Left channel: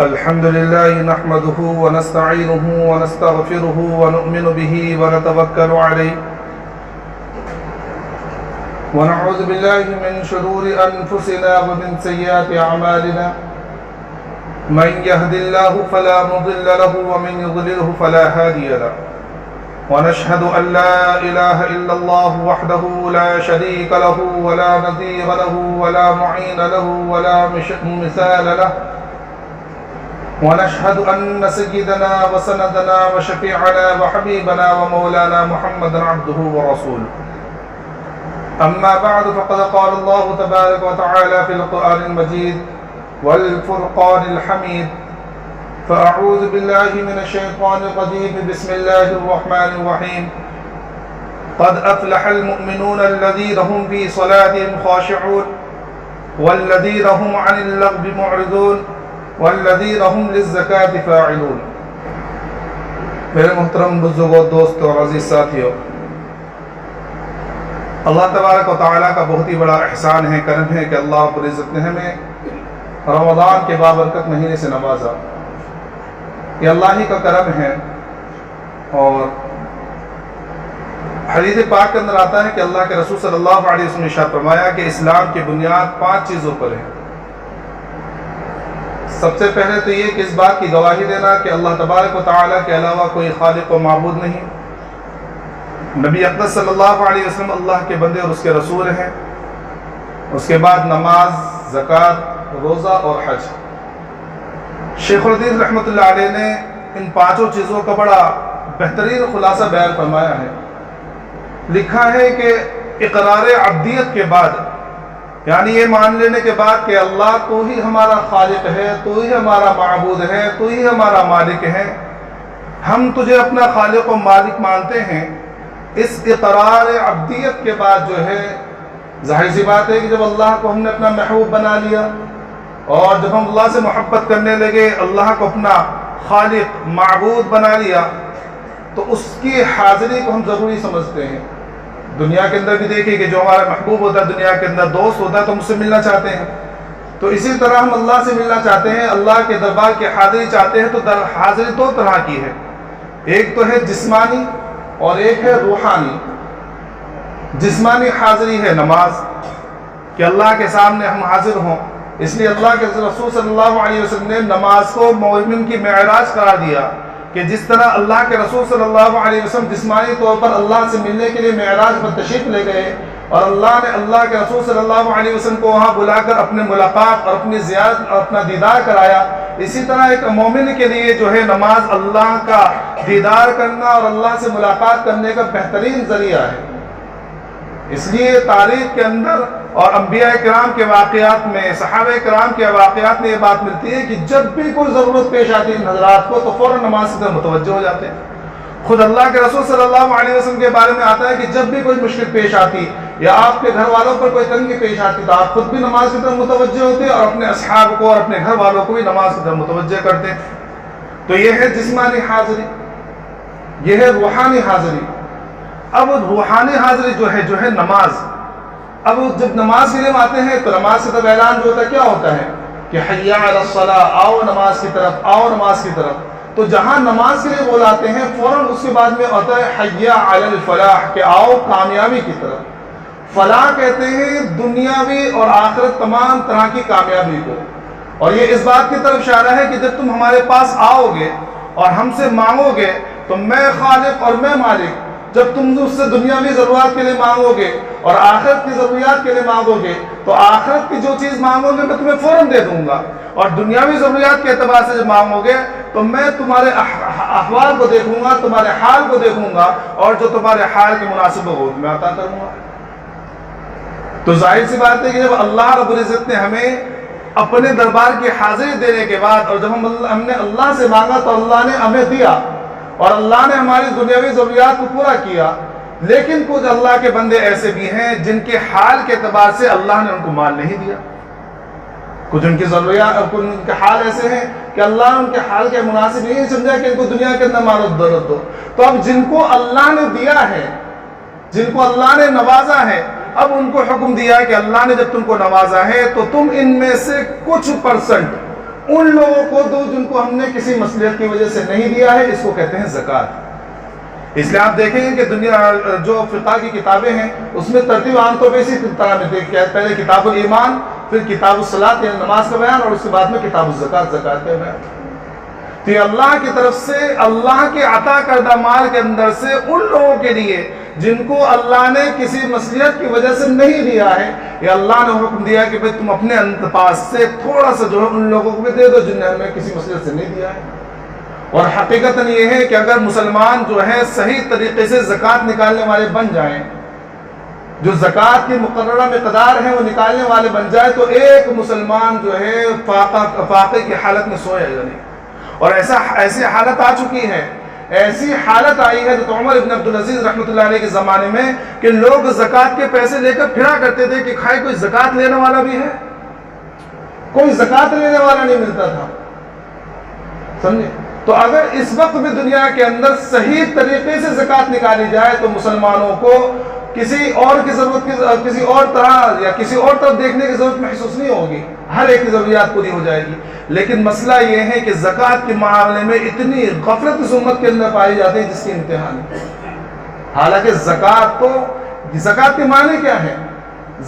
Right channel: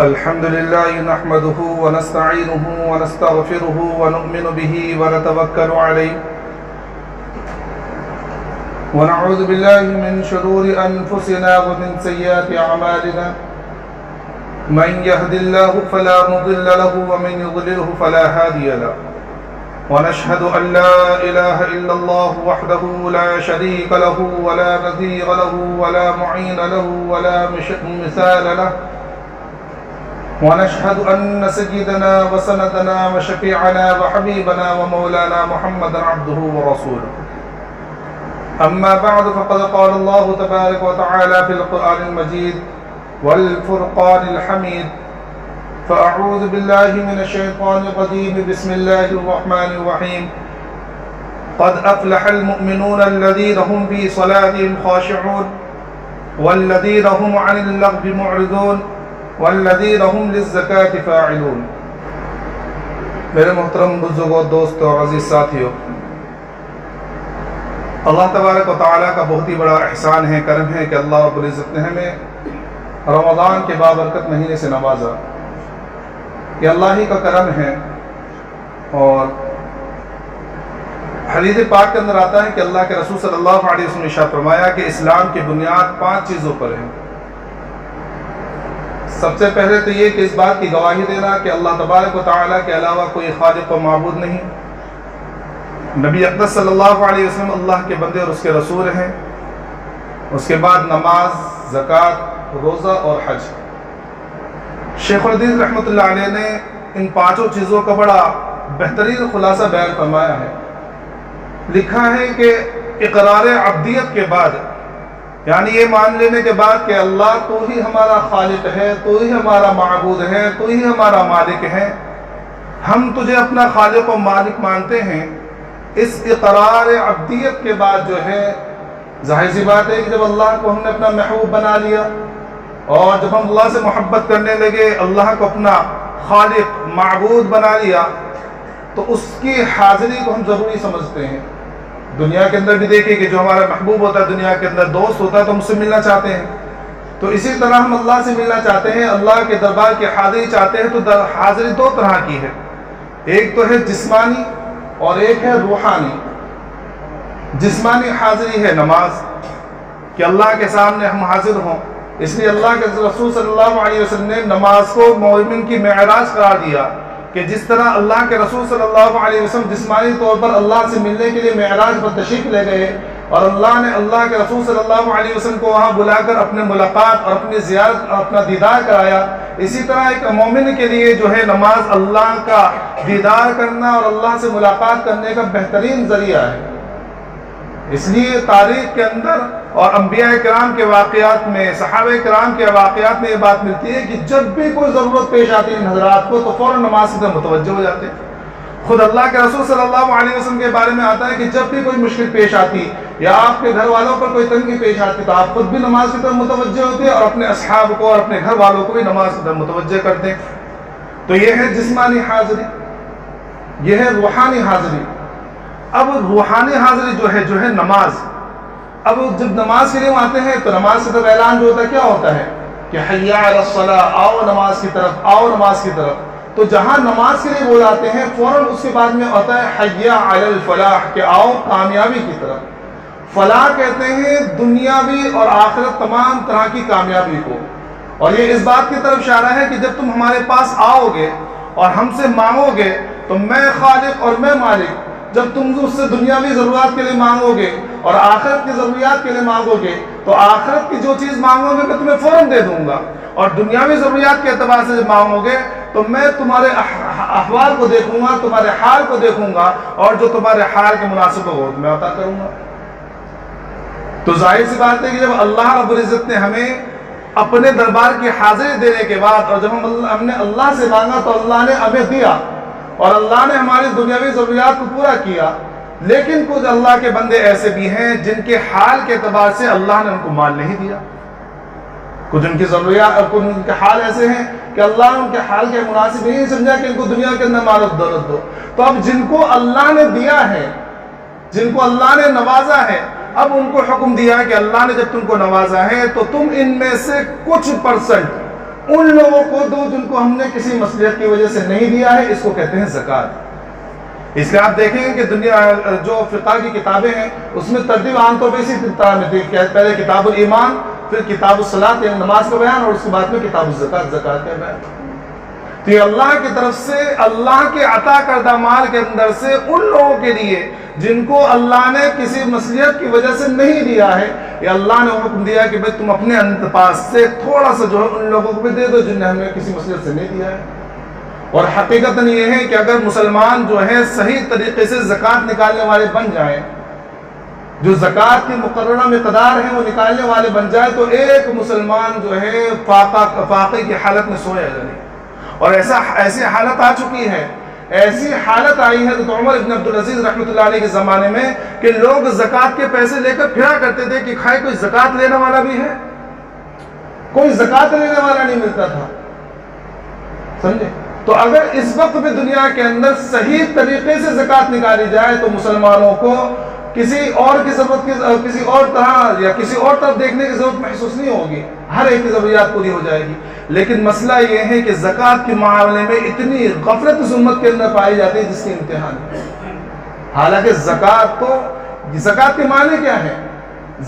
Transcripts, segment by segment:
الحمد لله نحمده ونستعينه ونستغفره ونؤمن به ونتوكل عليه ونعوذ بالله من شرور أنفسنا ومن سيئات أعمالنا من يهد الله فلا مضل له ومن يضلله فلا هادي له ونشهد أن لا إله إلا الله وحده لا شريك له ولا نظير له ولا معين له ولا مثال له ونشهد أن سيدنا وسندنا وشفيعنا وحبيبنا ومولانا محمدا عبده ورسوله أما بعد فقد قال الله تبارك وتعالى في القرآن المجيد والفرقان الحميد فأعوذ بالله من الشيطان الرجيم بسم الله الرحمن الرحيم قد أفلح المؤمنون الذين هم في صلاتهم خاشعون والذين هم عن اللغو معرضون والذین هم للزکاة فاعلون۔ میرے محترم بزرگوں، دوستوں اور عزیز ساتھیوں، اللہ تبارک و تعالیٰ کا بہت ہی بڑا احسان ہے، کرم ہے کہ اللہ رب العزت نے ہمیں رمضان کے بابرکت مہینے سے نوازا۔ یہ اللہ ہی کا کرم ہے، اور حدیث پاک کے اندر آتا ہے کہ اللہ کے رسول صلی اللہ علیہ وسلم نے ارشاد فرمایا کہ اسلام کی بنیاد 5 چیزوں پر ہے۔ سب سے پہلے تو یہ کہ اس بات کی گواہی دینا کہ اللہ تبارک و تعالیٰ کے علاوہ کوئی خالق و معبود نہیں، نبی اقدس صلی اللہ علیہ وسلم اللہ کے بندے اور اس کے رسول ہیں۔ اس کے بعد نماز، زکوٰۃ، روزہ اور حج۔ شیخ الحدیث رحمۃ اللہ علیہ نے ان 5 چیزوں کا بڑا بہترین خلاصہ بیان فرمایا ہے۔ لکھا ہے کہ اقرار عبدیت کے بعد، یعنی یہ مان لینے کے بعد کہ اللہ تو ہی ہمارا خالق ہے، تو ہی ہمارا معبود ہے، تو ہی ہمارا مالک ہے، ہم تجھے اپنا خالق و مالک مانتے ہیں، اس اقرار عبدیت کے بعد جو ہے، ظاہر سی بات ہے کہ جب اللہ کو ہم نے اپنا محبوب بنا لیا اور جب ہم اللہ سے محبت کرنے لگے، اللہ کو اپنا خالق معبود بنا لیا، تو اس کی حاضری کو ہم ضروری سمجھتے ہیں۔ دنیا کے اندر بھی دیکھیں کہ جو ہمارا محبوب ہوتا ہے، دنیا کے اندر دوست ہوتا ہے، تو ہم اس سے ملنا چاہتے ہیں، تو اسی طرح ہم اللہ سے ملنا چاہتے ہیں، اللہ کے دربار کی حاضری چاہتے ہیں۔ تو حاضری 2 طرح کی ہے، ایک تو ہے جسمانی اور ایک ہے روحانی۔ جسمانی حاضری ہے نماز، کہ اللہ کے سامنے ہم حاضر ہوں، اس لیے اللہ کے رسول صلی اللہ علیہ وسلم نے نماز کو مومن کی معراج قرار دیا، کہ جس طرح اللہ کے رسول صلی اللہ علیہ وسلم جسمانی طور پر اللہ سے ملنے کے لیے معراج پر تشریف لے گئے، اور اللہ نے اللہ کے رسول صلی اللہ علیہ وسلم کو وہاں بلا کر اپنے ملاقات اور اپنی زیارت اور اپنا دیدار کرایا، اسی طرح ایک مومن کے لیے جو ہے نماز اللہ کا دیدار کرنا اور اللہ سے ملاقات کرنے کا بہترین ذریعہ ہے۔ اس لیے تاریخ کے اندر اور انبیاء کرام کے واقعات میں، صحابہ کرام کے واقعات میں یہ بات ملتی ہے کہ جب بھی کوئی ضرورت پیش آتی ہے ان حضرات کو، تو فوراً نماز کی طرف متوجہ ہو جاتے ہیں۔ خود اللہ کے رسول صلی اللہ علیہ وسلم کے بارے میں آتا ہے کہ جب بھی کوئی مشکل پیش آتی یا آپ کے گھر والوں پر کوئی تنگی پیش آتی، تو آپ خود بھی نماز کی طرف متوجہ ہوتے اور اپنے اصحاب کو اور اپنے گھر والوں کو بھی نماز کی طرف متوجہ کرتے ہیں۔ تو یہ ہے جسمانی حاضری، یہ ہے روحانی حاضری۔ اب روحانی حاضری جو ہے نماز۔ اب جب نماز کے لیے ہم آتے ہیں تو نماز کی طرف اعلان جو ہوتا ہے کیا ہوتا ہے کہ حی علی الصلاۃ، آؤ نماز کی طرف، آؤ نماز کی طرف۔ تو جہاں نماز کے لیے بلاتے ہیں، فوراً اس کے بعد میں ہوتا ہے حی علی الفلاح، کہ آؤ کامیابی کی طرف۔ فلاح کہتے ہیں دنیاوی اور آخرت تمام طرح کی کامیابی کو، اور یہ اس بات کی طرف اشارہ ہے کہ جب تم ہمارے پاس آؤ گے اور ہم سے مانگو گے تو میں خالق اور میں مالک، جب تم اس سے دنیاوی ضرورات کے لیے مانگو گے اور آخرت کی ضروریات کے لیے مانگو گے، تو آخرت کی جو چیز مانگو گے میں تمہیں فوراً دے دوں گا، اور دنیاوی ضروریات کے اعتبار سے جب مانگو گے تو میں تمہارے احوال کو دیکھوں گا، تمہارے حال کو دیکھوں گا، اور جو تمہارے حال کے مناسب ہو میں عطا کروں گا۔ تو ظاہر سی بات ہے کہ جب اللہ رب العزت نے ہمیں اپنے دربار کی حاضری دینے کے بعد، اور جب ہم نے اللہ سے مانگا تو اللہ نے ہمیں دیا، اور اللہ نے ہماری دنیاوی ضروریات کو پورا کیا۔ لیکن کچھ اللہ کے بندے ایسے بھی ہیں جن کے حال کے اعتبار سے اللہ نے ان کو مال نہیں دیا، کچھ ان کی ضروریات، کچھ ان کے حال ایسے ہیں کہ اللہ نے ان کے حال کے مناسب نہیں سمجھا کہ ان کو دنیا کے اندر مال و دولت دو۔ تو اب جن کو اللہ نے دیا ہے، جن کو اللہ نے نوازا ہے، اب ان کو حکم دیا کہ اللہ نے جب تم کو نوازا ہے تو تم ان میں سے کچھ پرسنٹ ان لوگوں کو دو جن کو ہم نے کسی مصلحت کی وجہ سے نہیں دیا ہے، اس کو کہتے ہیں زکوٰۃ۔ اس لیے آپ دیکھیں گے کہ دنیا جو فقہ کی کتابیں ہیں اس میں ترتیب عام طور پہ اسی طرح میں تھی، پہلے کتاب الایمان، پھر کتاب الصلاۃ یعنی نماز کا بیان، اور اس کے بعد میں کتاب الزکوٰۃ زکوٰۃ کا بیان۔ تو یہ اللہ کی طرف سے اللہ کے عطا کردہ مال کے اندر سے ان لوگوں کے لیے جن کو اللہ نے کسی مصلحت کی وجہ سے نہیں دیا ہے، یہ اللہ نے حکم دیا کہ بھئی تم اپنے پاس سے تھوڑا سا جو ہے ان لوگوں کو بھی دے دو جن نے ہمیں کسی مصلحت سے نہیں دیا ہے۔ اور حقیقتاً یہ ہے کہ اگر مسلمان جو ہے صحیح طریقے سے زکوٰۃ نکالنے والے بن جائیں، جو زکوٰۃ کی مقررہ مقدار ہے وہ نکالنے والے بن جائے، تو ایک مسلمان جو ہے فاقے کی حالت میں سوئے گا نہیں۔ اور ایسی حالت آ چکی ہے، ایسی حالت آئی ہے تو عمر ابن عبدالعزیز رحمۃ اللہ علیہ کے زمانے میں کہ لوگ زکوٰۃ کے پیسے لے کر پھرا کرتے تھے کہ کھائے کوئی زکوٰۃ لینے والا بھی ہے، کوئی زکوٰۃ لینے والا نہیں ملتا تھا، سمجھے؟ تو اگر اس وقت بھی دنیا کے اندر صحیح طریقے سے زکوٰۃ نکالی جائے تو مسلمانوں کو کسی اور کی ضرورت کسی اور طرح یا کسی اور طرف دیکھنے کی ضرورت محسوس نہیں ہوگی، ہر ایک کی ضروریات پوری ہو جائے گی۔ لیکن مسئلہ یہ ہے کہ زکوٰۃ کے معاملے میں اتنی غفلت اس امت کے اندر پائی جاتی ہے جس کی انتہا نہیں۔ حالانکہ زکوٰۃ کے معنی کیا ہے؟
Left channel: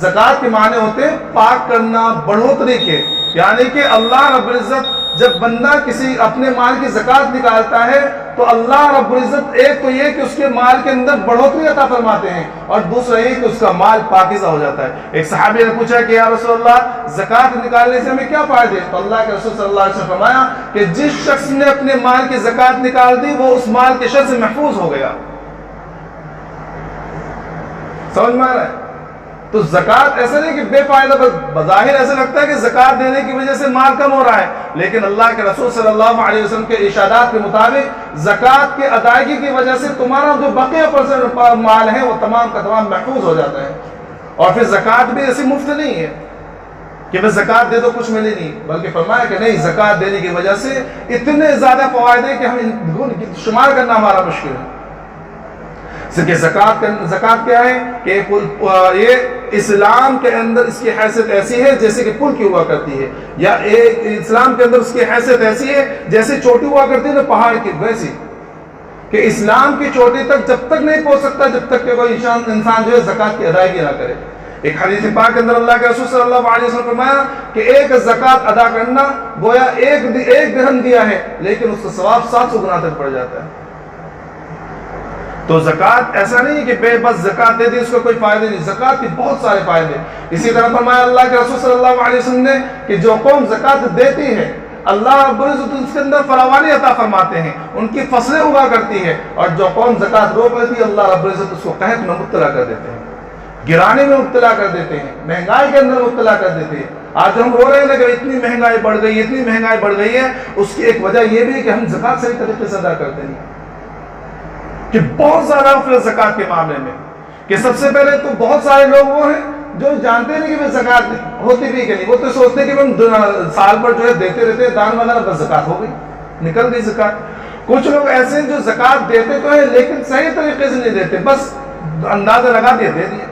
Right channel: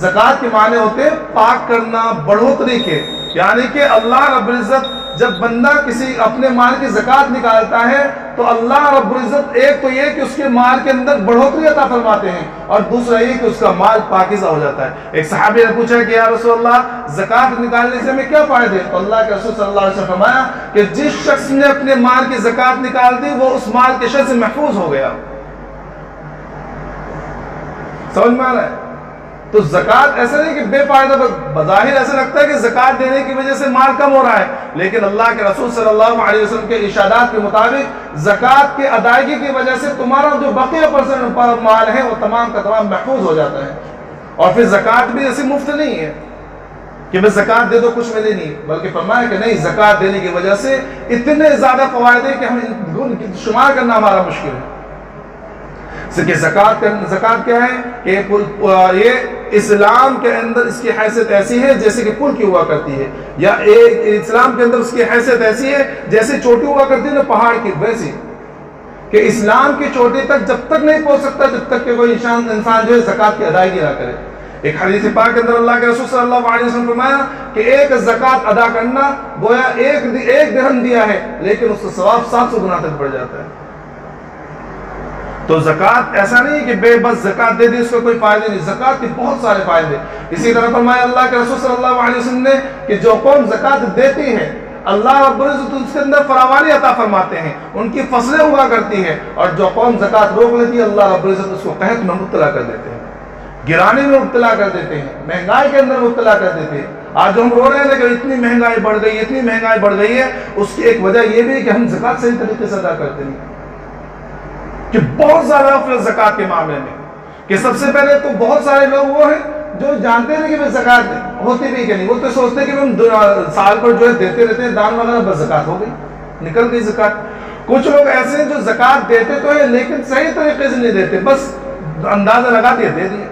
زکوٰۃ کے معنی ہوتے ہیں پاک کرنا، بڑھوتری کے، یعنی کہ اللہ رب العزت جب بندہ کسی اپنے مال کی زکوٰۃ نکالتا ہے تو اللہ رب العزت ایک تو یہ کہ اس کے مال کے اندر بڑھوتری عطا فرماتے ہیں، اور دوسرا یہ کہ اس کا مال پاکیزہ ہو جاتا ہے۔ ایک صحابی نے پوچھا کہ یا رسول اللہ زکوٰۃ نکالنے سے ہمیں کیا فائدے؟ تو اللہ کے رسول صلی اللہ علیہ وسلم نے فرمایا کہ جس شخص نے اپنے مال کی زکوٰۃ نکال دی وہ اس مال کے شر سے محفوظ ہو گیا۔ سمجھ میں آ رہا ہے؟ تو زکوٰۃ ایسا نہیں کہ بے فائدہ، بظاہر ایسا لگتا ہے کہ زکوٰۃ دینے کی وجہ سے مال کم ہو رہا ہے، لیکن اللہ کے رسول صلی اللہ علیہ وسلم کے ارشادات کے مطابق زکوٰۃ کی ادائیگی کی وجہ سے تمہارا جو بقیہ پرسنٹ مال ہے وہ تمام کا تمام محفوظ ہو جاتا ہے۔ اور پھر زکوٰۃ بھی ایسی مفت نہیں ہے کہ بس زکوٰۃ دے دو کچھ ملے نہیں، بلکہ فرمایا کہ نہیں، زکوٰۃ دینے کی وجہ سے اتنے زیادہ فوائد ہیں کہ ہم شمار کرنا ہمارا مشکل ہے۔ کہ زکوٰۃ کیا ہے کہ یہ اسلام کے اندر اس کی حیثیت ایسی ہے جیسے کہ پل کی ہوا کرتی ہے، یا اسلام کے اندر اس کی حیثیت ایسی ہے جیسے چوٹی ہوا کرتی ہے نا پہاڑ کی، ویسی کہ اسلام کی چوٹی تک جب تک نہیں پہنچ سکتا جب تک کہ کوئی انسان جو ہے زکوٰۃ کی ادائیگی نہ کرے۔ ایک حدیث پاک کے اندر اللہ کے رسول صلی اللہ علیہ وسلم فرمایا کہ ایک زکوٰۃ ادا کرنا گویا ایک درہم دیا ہے، لیکن اس کا ثواب 700 گنا تک بڑھ جاتا ہے۔ تو زکوٰۃ ایسا نہیں کہ بے بس زکوٰۃ دے دی اس کا کوئی فائدہ نہیں، زکوٰۃ کے بہت سارے فائدے۔ اسی طرح فرمایا اللہ کے رسول صلی اللہ علیہ وسلم نے کہ جو قوم زکوٰۃ دیتی ہے اللہ رب العزت اس کے اندر فراوانی عطا فرماتے ہیں، ان کی فصلیں اگا کرتی ہے، اور جو قوم زکوٰۃ روک لیتی ہے اللہ رب العزت اس کو قحط میں مبتلا کر دیتے ہیں، گرانے میں مبتلا کر دیتے ہیں، مہنگائی کے اندر مبتلا کر دیتے ہیں۔ آج جو ہم رو رہے ہیں نا کہ اتنی مہنگائی بڑھ گئی، اتنی مہنگائی بڑھ گئی ہے، اس کی ایک وجہ یہ بھی ہے کہ ہم زکوٰۃ صحیح طریقے سے ادا کرتے نہیں، کہ بہت زیادہ غفلت زکوٰۃ کے معاملے میں۔ کہ سب سے پہلے تو بہت سارے لوگ وہ ہیں جو جانتے نہیں کہ زکوٰۃ ہوتی بھی کہ نہیں، وہ تو سوچتے کہ ہم سال پر جو ہے دیتے رہتے ہیں دان وغیرہ، بس زکوٰۃ ہو گئی، نکل گئی زکوٰۃ۔ کچھ لوگ ایسے ہیں جو زکوٰۃ دیتے تو ہیں لیکن صحیح طریقے سے نہیں دیتے، بس اندازہ لگا دیا دے دیا۔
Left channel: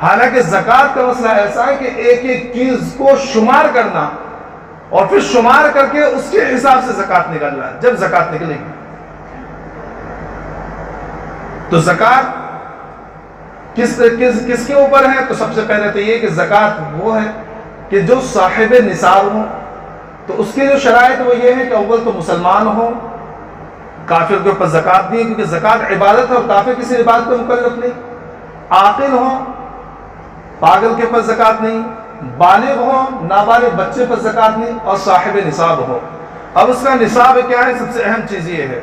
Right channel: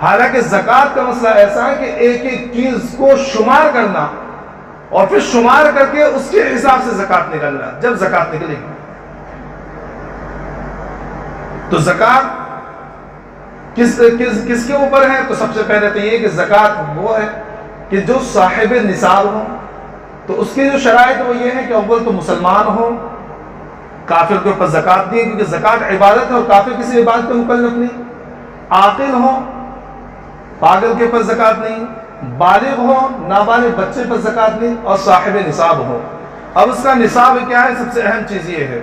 حالانکہ زکوٰۃ کا مسئلہ ایسا ہے کہ ایک ایک چیز کو شمار کرنا اور پھر شمار کر کے اس کے حساب سے زکوٰۃ نکلنا، جب زکوٰۃ نکلے گی۔ تو زکوٰۃ کس کے اوپر ہے؟ تو سب سے پہلے تو یہ کہ زکوٰۃ وہ ہے کہ جو صاحب نصاب ہو، تو اس کی جو شرائط وہ یہ ہے کہ اول تو مسلمان ہو، کافر کے اوپر زکوٰۃ نہیں ہے کیونکہ زکوٰۃ عبادت ہے اور کافر کسی عبادت پہ مکلف نہیں، عاقل ہو، پاگل کے اوپر زکوٰۃ نہیں، بالغ ہو، نابالغ بچے پر زکوٰۃ نہیں، اور صاحب نصاب ہو۔ اب اس کا نصاب کیا ہے؟ سب سے اہم چیز یہ ہے،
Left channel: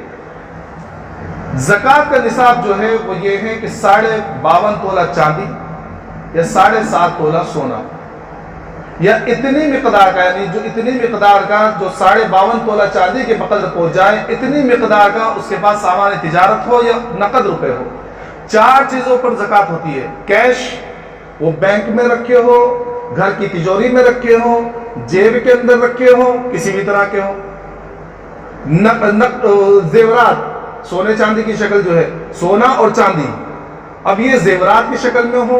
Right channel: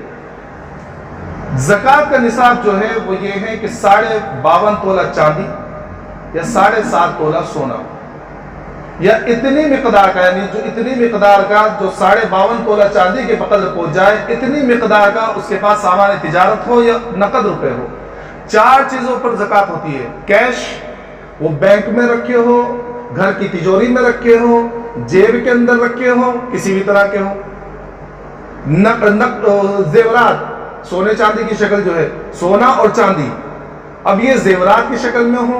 زکوٰۃ کا نصاب جو ہے وہ یہ ہے کہ 52.5 تولہ چاندی یا 7.5 تولہ سونا، یا اتنی مقدار کا، یعنی جو اتنی مقدار کا جو 52.5 تولہ چاندی کے بقدر پہنچ جائے، اتنی مقدار کا اس کے پاس سامان تجارت ہو یا نقد روپے ہو۔ 4 چیزوں پر زکوٰۃ ہوتی ہے، کیش، وہ بینک میں رکھے ہو، گھر کی تجوری میں رکھے ہو، جیب کے اندر رکھے ہو، کسی بھی طرح کے ہو، زیورات، سونے چاندی کی شکل جو ہے، سونا اور چاندی، اب یہ زیورات کی شکل میں ہو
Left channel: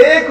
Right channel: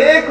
1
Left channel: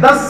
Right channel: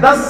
10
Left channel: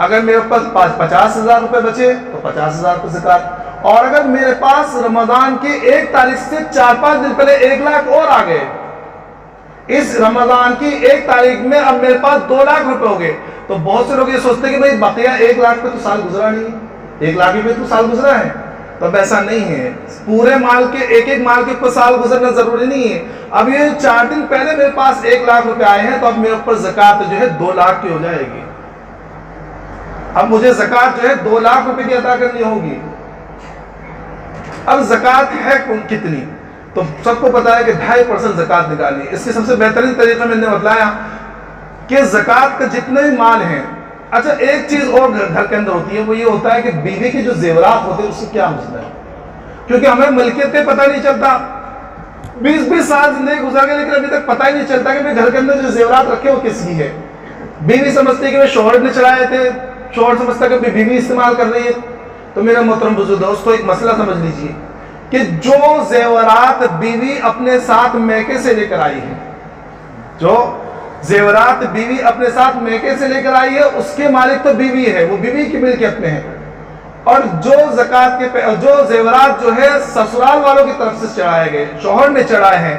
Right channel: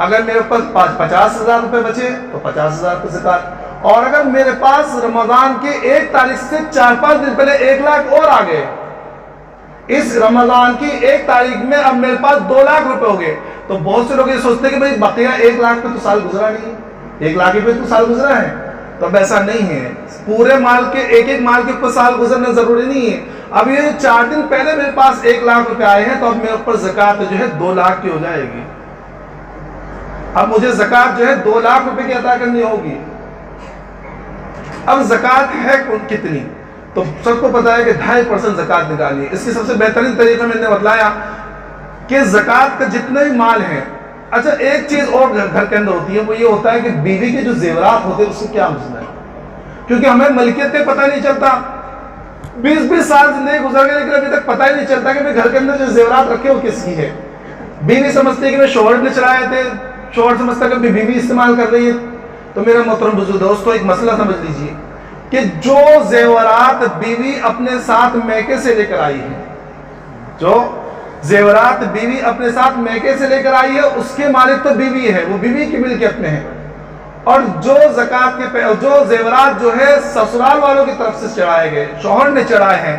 اگر میرے پاس 50,000 روپے بچے تو 50,000 روپے زکوٰۃ. اور اگر میرے پاس رمضان کی 1 تاریخ سے 4-5 دن پہلے 1 لاکھ اور آ گئے، اس رمضان کی 1 تاریخ میں اب میرے پاس 2 لاکھ روپے ہو گئے، تو بہت سے لوگ یہ سوچتے ہیں کہ بھائی بقیہ 1 لاکھ پہ تو سال گزرا نہیں ہے، 1 لاکھ پہ تو سال گزرا ہے. تو اب ایسا نہیں ہے، پورے مال کے ایک مال کے اوپر سال گزرنا ضروری نہیں ہے. اب یہ 4 دن پہلے میرے پاس 1 لاکھ روپے آئے ہیں تو اب میرے اوپر زکوٰۃ جو ہے 2 لاکھ کی ہو جائے گی. اب مجھے زکوٰۃ جو ہے 2 لاکھ روپے کی ادا کرنی ہوگی. اب زکوٰۃ ہے کتنی؟ تو سب کو پتا ہے کہ 2.5% زکوٰۃ نکالنی ہے. اس کی سب سے بہترین طریقہ میں نے بتلایا کہ زکوٰۃ کا جتنے بھی مال ہیں، اچھا ایک چیز اور گھر کے اندر ہوتی ہے، وہ یہ ہوتا ہے کہ بیوی کے جو زیورات ہوتے ہیں اس سے کیا مسئلہ ہے، کیونکہ ہمیں ملکیت کا پتہ نہیں چلتا. 20 سال زندگی گزر گئے لیکن ابھی تک پتہ ہی نہیں چلتا کہ گھر کے اندر جو زیورات رکھے وہ کس کی ہے. بیوی سمجھتی ہے کہ شوہر نے چڑھائے تھے، شوہر سمجھتا ہے کہ بیوی استعمال کر رہی ہے. تو میرا محترم بزرگ دوستو، ایک مسئلہ سمجھ لیجئے کہ جو زیورات بیوی اپنے ساتھ میکے سے لے کر آئی ہے، جو زیورات بیوی اپنے ساتھ میکے سے لے کر آئی ہے، اس کے مالک تو بیوی ہے، وہ بیوی کی ملکیت میں ہے. اور جو زکوٰۃ کے جو زیورات جو ہے سسرال والوں کی طرف سے چڑھائے گئے، شوہر نے چڑھائے ہیں،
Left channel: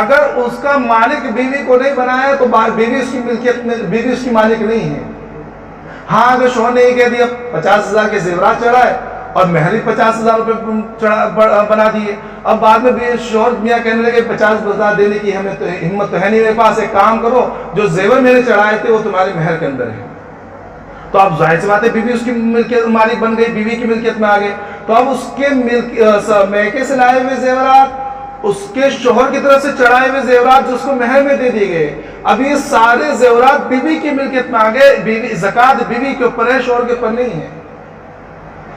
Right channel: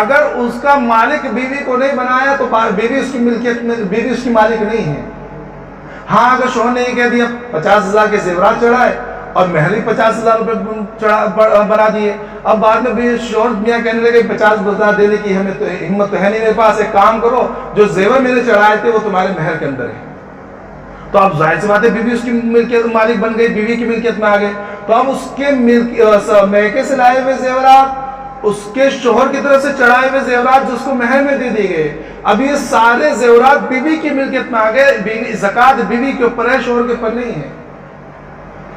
اگر اس کا مالک بیوی کو نہیں بنایا تو بیوی اس کی ملکیت میں، بیوی اس کی مالک نہیں ہے. ہاں اگر شوہر نے یہ کہہ دیا 50,000 کے زیورات چڑھائے اور مہر بھی 50,000 روپے بنا دیے، اب بعد میں بھی شوہر میاں کہنے لگے 50,000 دینے کی ہمیں تو ہمت تو ہے نہیں میرے پاس، ایک کام کرو جو زیور میں نے چڑھائے تھے وہ تمہارے مہر کے اندر ہے. تو اب ظاہر سی بات ہے بیوی اس کی ملکیت مالک بن گئی، بیوی کی ملکیت میں آ گئے. تو اب اس کے میکے سے لائے ہوئے زیورات، اس کے شوہر کی طرف سے چڑھائے ہوئے زیورات جو اس کو مہر میں دے دیے گئے، اب یہ سارے زیورات بیوی کی ملکیت میں آ گئے. بیوی زکوٰۃ بیوی کے اوپر ہے، شوہر کے اوپر نہیں ہے.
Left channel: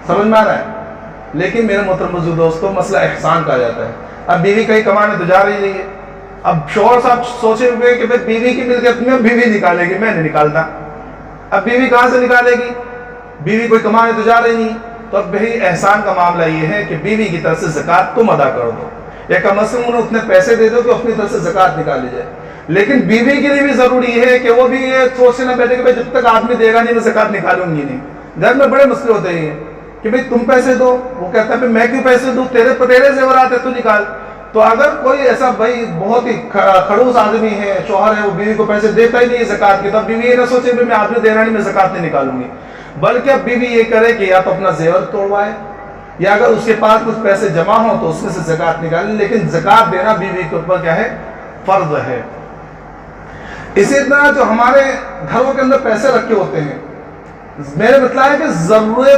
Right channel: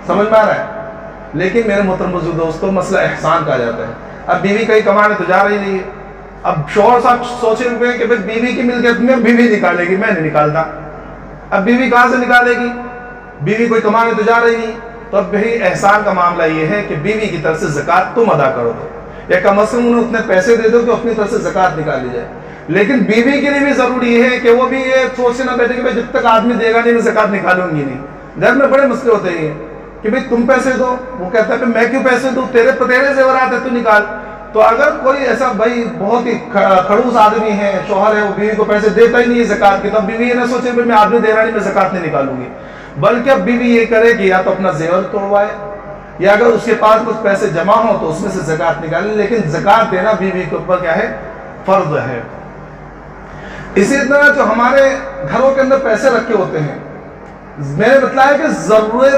سمجھ میں آ رہا ہے؟ لیکن میرے محترم بزرگ دوستو، مسئلہ احسان کہا جاتا ہے. اب بیوی کہیں کمانے تو جا رہی نہیں ہے، اب شوہر صاحب سوچے ہوئے کہ بیوی کی ملکیت میں بیوی نکالے گی، میں نہیں نکالتا. اب بیوی کہاں سے نکالے گی؟ بیوی کوئی کمانے تو جا رہی نہیں. تو اب بھائی احسان کا معاملہ یہ ہے کہ بیوی کی طرف سے زکوٰۃ تم ادا کر دو، یا کم از کم انہیں اتنے پیسے دے دو کہ اپنی طرف سے زکوٰۃ نکال لی جائے. لیکن بیوی کے لیے بھی ضروری ہے کہ وہ بھی یہ سوچ سے نہ بیٹھے کہ جب تک آدمی دے گا نہیں میں زکوٰۃ نکالوں گی نہیں. گھر میں بڑے مسئلے ہوتے ہیں کہ بھئی تم پیسے دو، وہ کہتا ہے میں کیوں پیسے دوں، تیرے زیورات ہے تو نکال. تو اگر کوئی ایسا بھائی بہت ہی کھڑوس آدمی ہے، شوہر ہے، وہ بیوی کو پیسے دیتا ہی نہیں ہے زکوٰۃ کی، تب بیوی یہ نہ سوچے کہ میں آدمی دے رہا نہیں میں زکوٰۃ نہیں نکالوں گی، بلکہ اب بیوی یہ کرے کہ یا تو اپنا زیور توڑوائے، یا اگر اس کے پاس کچھ پیسے جمع ہوں تو اس میں سے زکوٰۃ نکالیں. لیکن زکوٰۃ دینا بیوی کے اوپر کیا ہے؟ فرض ہے. اسی طرح جو ہمارے گھروں کے اندر پیسے رکھے ہوتے ہیں، میرے مطلب ہے کہ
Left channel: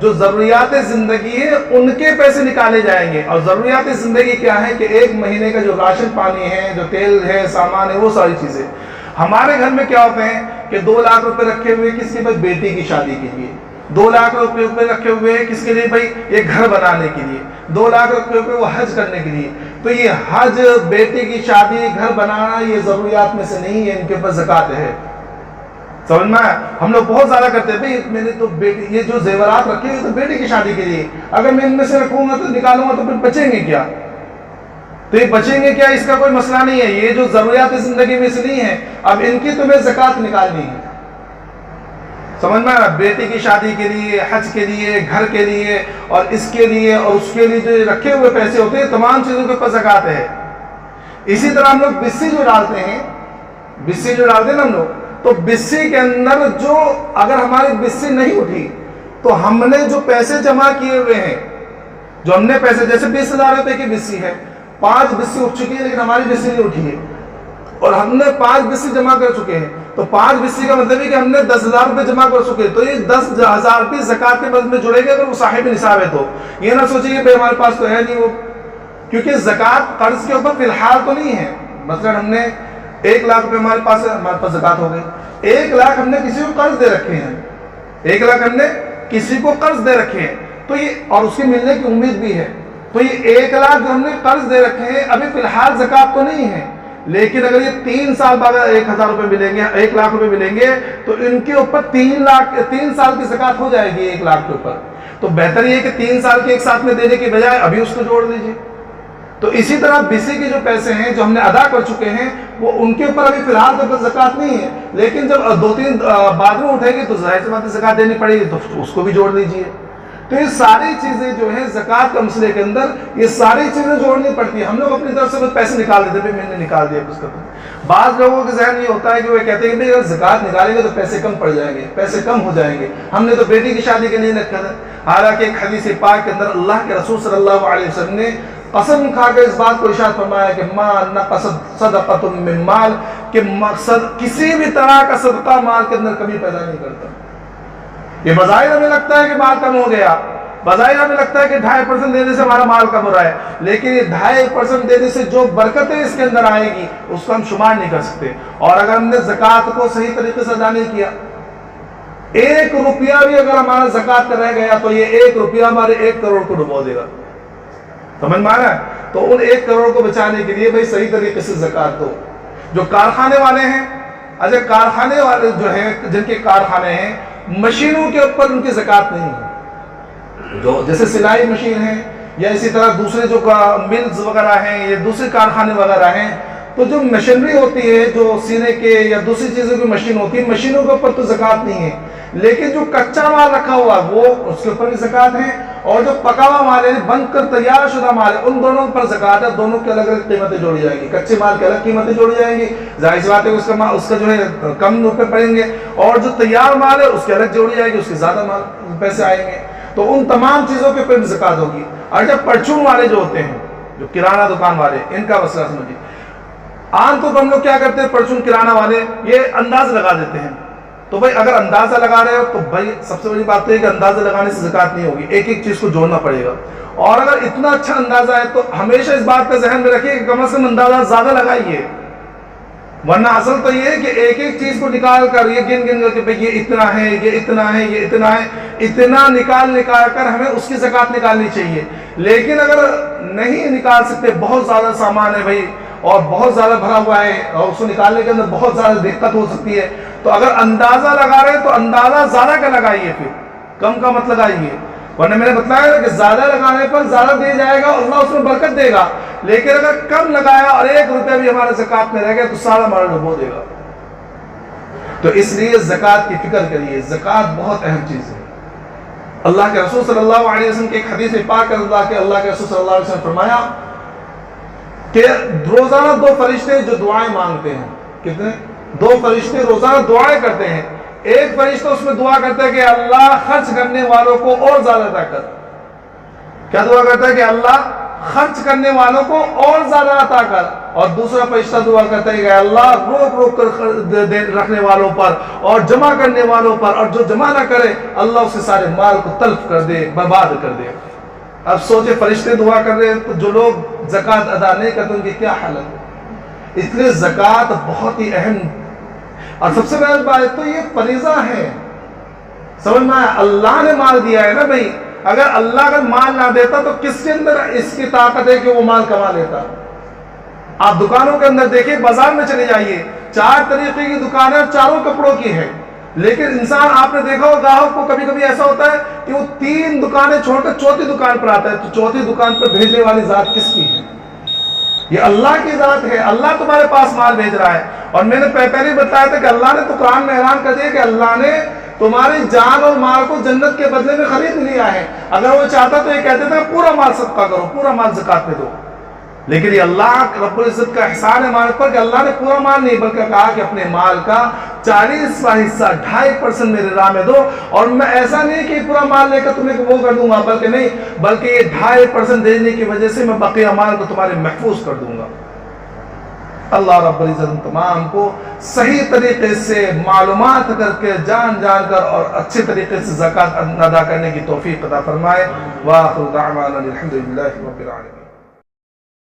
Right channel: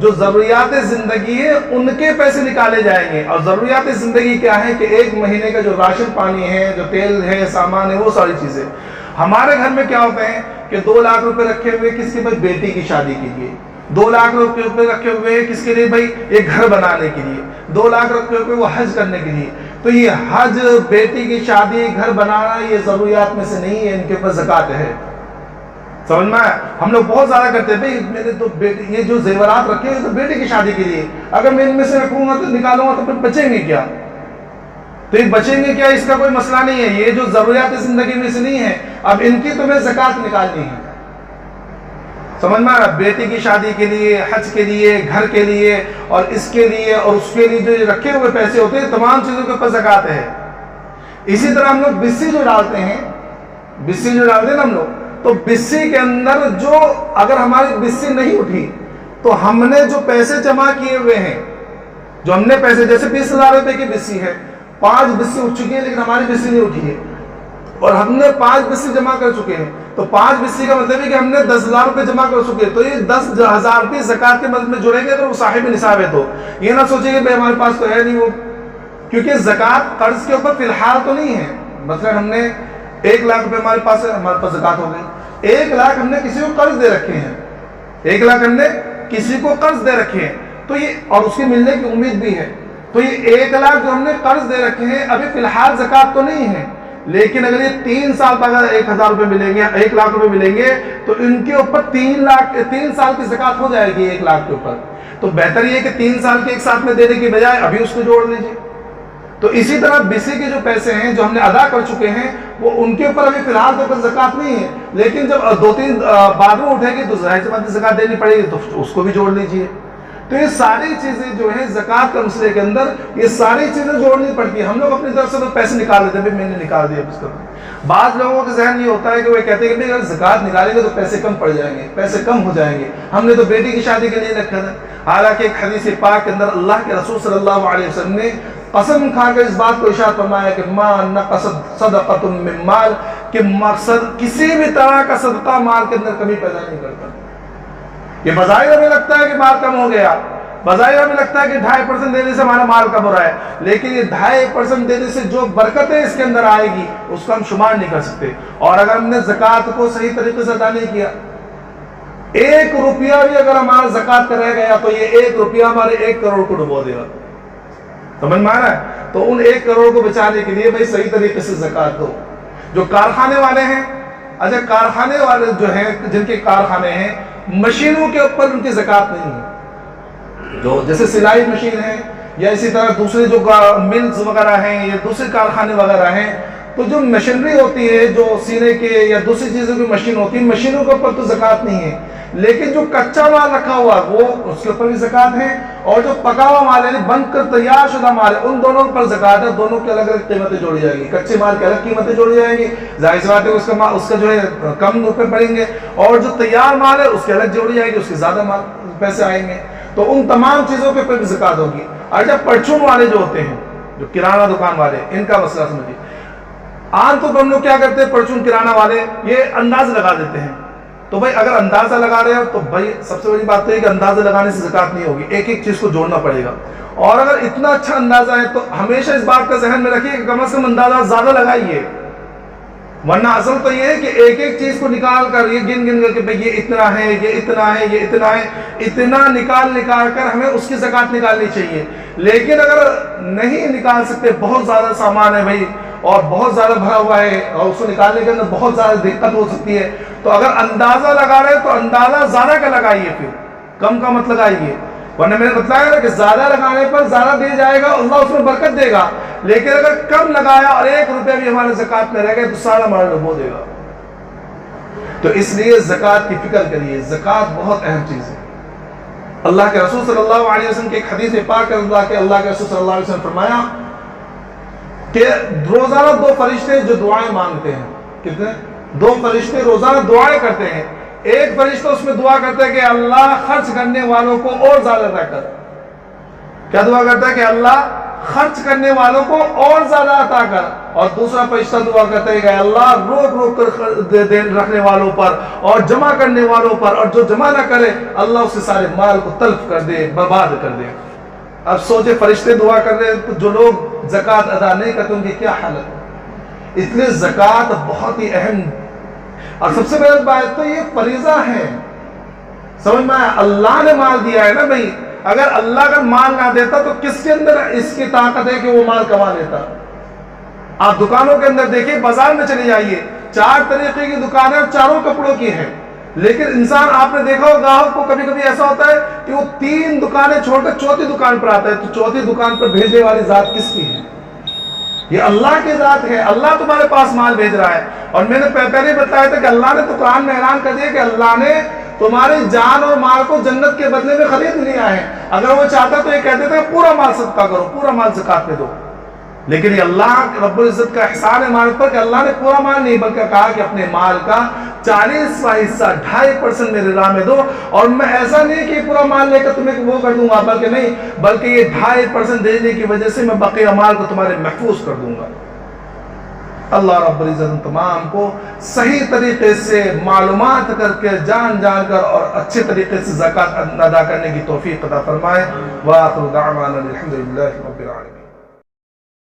جو ضروریات زندگی ہے ان کے پیسے نکالے جائیں گے. اور ضروریات زندگی کیا ہے کہ 1 مہینے کا جو راشن پانی ہے، جو تیل ہے، سامان ہے، وہ ساری چیزیں. ہمارے گھر میں کیا ہوتے ہیں کہ 2 لاکھ روپے رکھے ہوئے کس کے بعد بیٹی کی شادی کے لیے، 2 لاکھ روپے رکھے ہوئے کس کے لیے؟ بھائی یہ گھر بنانے کے لیے. 2 لاکھ رکھے ہوئے وہ حج کرنے کے لیے. تو یہ حج، بیٹی کی شادی، گھر بنانا، یہ ضروریات میں سے نہیں ہے، ان کے اوپر زکوٰۃ ہے. سمجھ میں آیا؟ ہم لوگ بہت زیادہ کرتے ہیں بھائی میں نے تو بیٹی، یہ جو زیورات رکھے ہوئے تو بیٹی کی شادی کے لیے، اگر میں ان میں سے رکھوں گا تو نکالوں گا تو پھر بچیں گے کیا؟ تو یہ بچیں گے کیا، اس کا کوئی مسئلہ نہیں ہے. یہ جو ضروریات زندگی میں سے نہیں ہے، اب ان کی تمہیں زکوٰۃ نکالنی ہے. سمجھ میں آیا؟ بیٹی کی شادی کے لیے، حج کے لیے، گھر کے لیے، اور اس کے لیے اور اس کے لیے جو رکھے ہوئے پیسے ہوتے ہیں، تمام چیزوں کے اوپر زکوٰۃ ہے. اسی طرح ہم لوگ بسی جو ڈالتے ہیں نا ہم لوگ، تو بسی کے اندر جو اگر ہماری بسی نہیں اٹھی تو ہم نے جو پیسے جمع کیے ہوئے ہیں، جو ہم نے پیسے، جیسے 20,000 روپے کی بسی ہے، 5 بسی اٹھ چکی ہے لیکن ہماری بسی نہیں اٹھی ہے، اور ہم نے 5 بسی جمع کر چکے ہیں، تو 5 بسی کا مطلب ہے کہ ہم نے 10,000 روپے جمع کر چکے. تو یہ 10,000 بھی زکوٰۃ کے مد میں جڑے گے اگر وہ صاحب نصاب ہے. تو یہ نہ سوچیں کہ بھائی ہمارے پاس تو ہے نہیں وہ، کیونکہ زکوٰۃ قرض کے اوپر فی الحال تو نہیں ہے. مثلا ہم نے 1 لاکھ روپے ہمارے پاس ہے، ہمارے پاس زکوٰۃ ہو گئی. 1 لاکھ ہم نے کسی کو قرض دے رکھے ہیں، 1 لاکھ ہم نے کسی کو قرض دے رکھے ہیں، تو یہ اور اس کی ملنے کی امید بھی ہے. تو یہ 1 لاکھ جو ہم نے قرض دے رکھے ہیں ابھی فی الحال زکوٰۃ تو نہیں ہے، لیکن اگر یہ 3 سال بعد 1,000 روپے ملیں گے، 1 لاکھ روپے ملیں گے تو ان کے اوپر 3 سال کی زکوٰۃ ہو جائے گی 1 لاکھ کے اوپر. تو بہتر یہ ہے کہ 3 سال کے ایک ساتھ میں دینے کی بجائے ابھی اس کو جوڑ لیجیے. تو اسی طرح بیسی کے جو پیسے ہیں جو ہم نے ادا کر چکے ہیں وہ ان کے اوپر ابھی فی الحال تو زکوٰۃ نہیں ہے، لیکن جب 2-3 بعد میں اٹھے گی تو ظاہر سی بات ہے زکوٰۃ دینی پڑے گی، تو اس کو بھی جوڑ لیجئے۔ تو یہ ساری چیزیں جو ہیں زکوٰۃ کا مسئلے کے اندر یہ ساری چیزیں جوڑنی پڑتی ہیں۔ ہم لوگ اپنی طرف سے بس پیسے نکال دیتے ہیں، بھائی میں نے نکال دیا اس کا۔ بعض لوگوں کے ذہن یہ ہوتا ہے کہ وہ کہتے ہیں کہ بھائی اگر زکوٰۃ نکالیں گے تو پیسے کم پڑ جائیں گے، پیسے کم ہو جائیں گے، ہم نے تو بیٹی کی شادی کے لیے رکھا تھا۔ حالانکہ ایک حدیث پاک کے اندر اللہ کے رسول صلی اللہ علیہ وسلم نے قسم کھا کر اس بات کو ارشاد فرمایا کہ ما نقصت صدقۃ من مال، کہ مقصد کسی بھی طرح کا صدقہ مال کے اندر کمی پیدا نہیں کرتا۔ یہ بظاہر ہمیں لگتا ہے کہ مال کم ہو گیا، بظاہر ہمیں لگتا ہے کہ 2.5% دینے سے ہمارا مال کم ہو رہا ہے، لیکن یہ 2.5% دینے سے جو برکتیں اس کے اندر آئے گی اس کو ہم شمار نہیں کر سکتے۔ اور اگر ہم نے زکوٰۃ کو صحیح طریقے سے ادا نہیں کیا، 1 روپیہ بھی اگر ہمارا زکوٰۃ کا رہ گیا تو یہ 1 روپیہ ہمارے 1 کروڑ کو ڈبو دے گا، سمجھ میں آ رہا ہے؟ تو ان 1 کروڑ کو بچانے کے لیے بھائی صحیح طریقے سے زکوٰۃ دو۔ جو کارخانے والے ہیں، اچھا کارخانے والے جو ہیں جن کے کارخانے ہیں، مشینوں کے اوپر ان کی زکوٰۃ نہیں ہے، جو جیسے سلائی مشین ہے یا اسی طرح دوسرے جو ملز وغیرہ ہیں یا دوسرے کارخانے وغیرہ ہیں، تو جو مشینری ہوتی ہے جو سینے کے یا دوسری چیزوں کی مشین ہوتی ہے، مشینوں کے اوپر تو زکوٰۃ نہیں ہے، لیکن جو کچا مال رکھا ہوا وہ اس کے اوپر بھی زکوٰۃ ہے، اور جو پکا ہوا مال یعنی بن کر تیار شدہ مال ہے ان دونوں پر زکوٰۃ ہے۔ دونوں کی الگ الگ قیمتیں جوڑی جائیں گی، کچے مال کی الگ قیمتیں جوڑی جائیں گی، ظاہر سی بات ہے اس کا جو ہے کم روپے پڑیں گے، اور جو تیار مال ہے اس کی الگ جوڑی جائے گی، اس کے زیادہ مال پیسے آئیں گے۔ تو ان تمام چیزوں کے اوپر بھی زکوٰۃ ہوگی۔ اور جب پرچون والے جو ہوتے ہیں، جو کرانہ دکان والے، ان کا مسئلہ سمجھیے۔ عام طور پر ہم لوگ کیا کرتے ہیں، پرچون کرانہ والے یہ انداز لگا دیتے ہیں، تو بھائی اگر اندازہ لگا رہے ہو تو بھائی سب سے بڑی بات تو ہے کہ اندازہ لگانے سے زکوٰۃ نہیں ہوگی، ایک ایک چیز کو جوڑنا پڑے گا۔ اور اگر اتنا اچھا اندازہ ہے تو ہمیشہ اس بات کا ذہن میں رکھیے کہ کم از کم اندازہ زیادہ لگائیے، ورنہ اصل تو یہ ہے کہ ایک ایک چیز کو نکال کر یہ گن کر کہ بھئی یہ اتنا ہے، یہ اتنا ہے، یہ اتنا ہے، اتنا نکال کر ہمیں اس کی زکوٰۃ نکالنی چاہیے۔ لیکن اگر نہیں نکال سکتے، بہت زیادہ سامان ہے بھائی اور بہت زیادہ بھرا ہوا ہے اور اس کو نکالنے کے اندر بہت زیادہ دقت ہو سکتی ہے، تو اگر اندازہ لگا رہے ہیں تو اندازہ زیادہ کا لگائیے، پھر کم کا مت لگائیے، ورنہ میں نے بتلایا نا کہ زیادہ لگانے پر زیادہ دے جائے گا، اللہ اس میں برکت دے گا، لیکن اگر کم لگایا اور 1 روپے بھی ہمارے زکوٰۃ میں رہ گئے تو سارا مال ڈبو دے گا۔ تو اس لیے زکوٰۃ کی فکر کریے، زکوٰۃ بہت اہم چیز ہے۔ اللہ کے رسول صلی اللہ علیہ وسلم کی ایک حدیث پاک اللہ کے رسول صلی اللہ علیہ وسلم نے فرمایا کہ روزانہ 2 فرشتے جو دعائیں مانگتے ہیں، کتنے؟ 2 فرشتے روزانہ دعائیں کرتے ہیں۔ ایک فرشتہ اس میں دعا کرتا ہے کہ اللہ خرچ کرنے والوں کو اور زیادہ عطا کر۔ کیا دعا کرتا ہے کہ اللہ خرچ کرنے والوں کو اور زیادہ عطا کر، اور دوسرا فرشتہ دعا کرتا ہے کہ اللہ روک روک کر رکھنے والوں پر اور جمع کرنے والوں پر، اور جو جمع نہ کرے اللہ اس کے سارے مال کو تلف کر دے، برباد کر دے۔ اب سوچے فرشتے دعا کر رہے ہیں تو جو لوگ زکوٰۃ ادا نہیں کرتے ان کی کیا حالت ہے۔ اس لیے زکوٰۃ بہت ہی اہم، اور سب سے پہلے بات تو یہ فریضہ ہے، سمجھ میں آیا؟ اللہ نے مال دیا ہے نا بھائی، اگر اللہ اگر مال نہ دیتا تو کس کے اندر اس کی طاقت ہے کہ وہ مال کما لیتا؟ آپ دکانوں کے اندر دیکھیں، بازار میں چلے جائیے، 4 طریقے کی دکانیں اور چاروں کپڑوں کی ہیں، لیکن انسان آپ نے دیکھا ہو گاہک کو کبھی کبھی ایسا ہوتا ہے کہ وہ 3 دکانیں چھوڑ کر 4تھی دکان پر آتا ہے، تو 4تھی دکان پر بھیجنے والی ذات کس کی ہے؟ یہ اللہ کی ذات ہے، اللہ تمہارے پاس مال بھیج رہا ہے۔ اور میں نے پہلے ہی بتایا تھا کہ اللہ نے تو قرآن میں اعلان کر دیا کہ اللہ نے تمہاری جان اور مال کو جنت کے بدلے میں خرید لیا ہے۔ اگر وہ چاہتا تو یہ کہتے تھے کہ پورا مال صدقہ کرو، پورا مال زکوٰۃ میں دو، لیکن یہ اللہ رب العزت کا احسان ہے ہمارے پر کہ اللہ نے پورا مال نہیں بلکہ کہا کہ اپنے مال کا 40واں حصہ 2.5% میرے راہ میں دو، اور میں ایسا نہیں کہ پورا مال لے کر تمہیں وہ کر دوں گا، بلکہ نہیں، بلکہ یہ 2.5% دینے کی وجہ سے میں بقیہ مال کو تمہارے محفوظ کر دوں گا۔ اللہ رب العزت تمام کو صحیح طریقے سے معلومات کر کے جان کر اور اچھے طریقے سے زکوٰۃ ادا کرنے کی توفیق عطا فرمائے۔ وآخر دعوانا الحمدللہ رب العالمین۔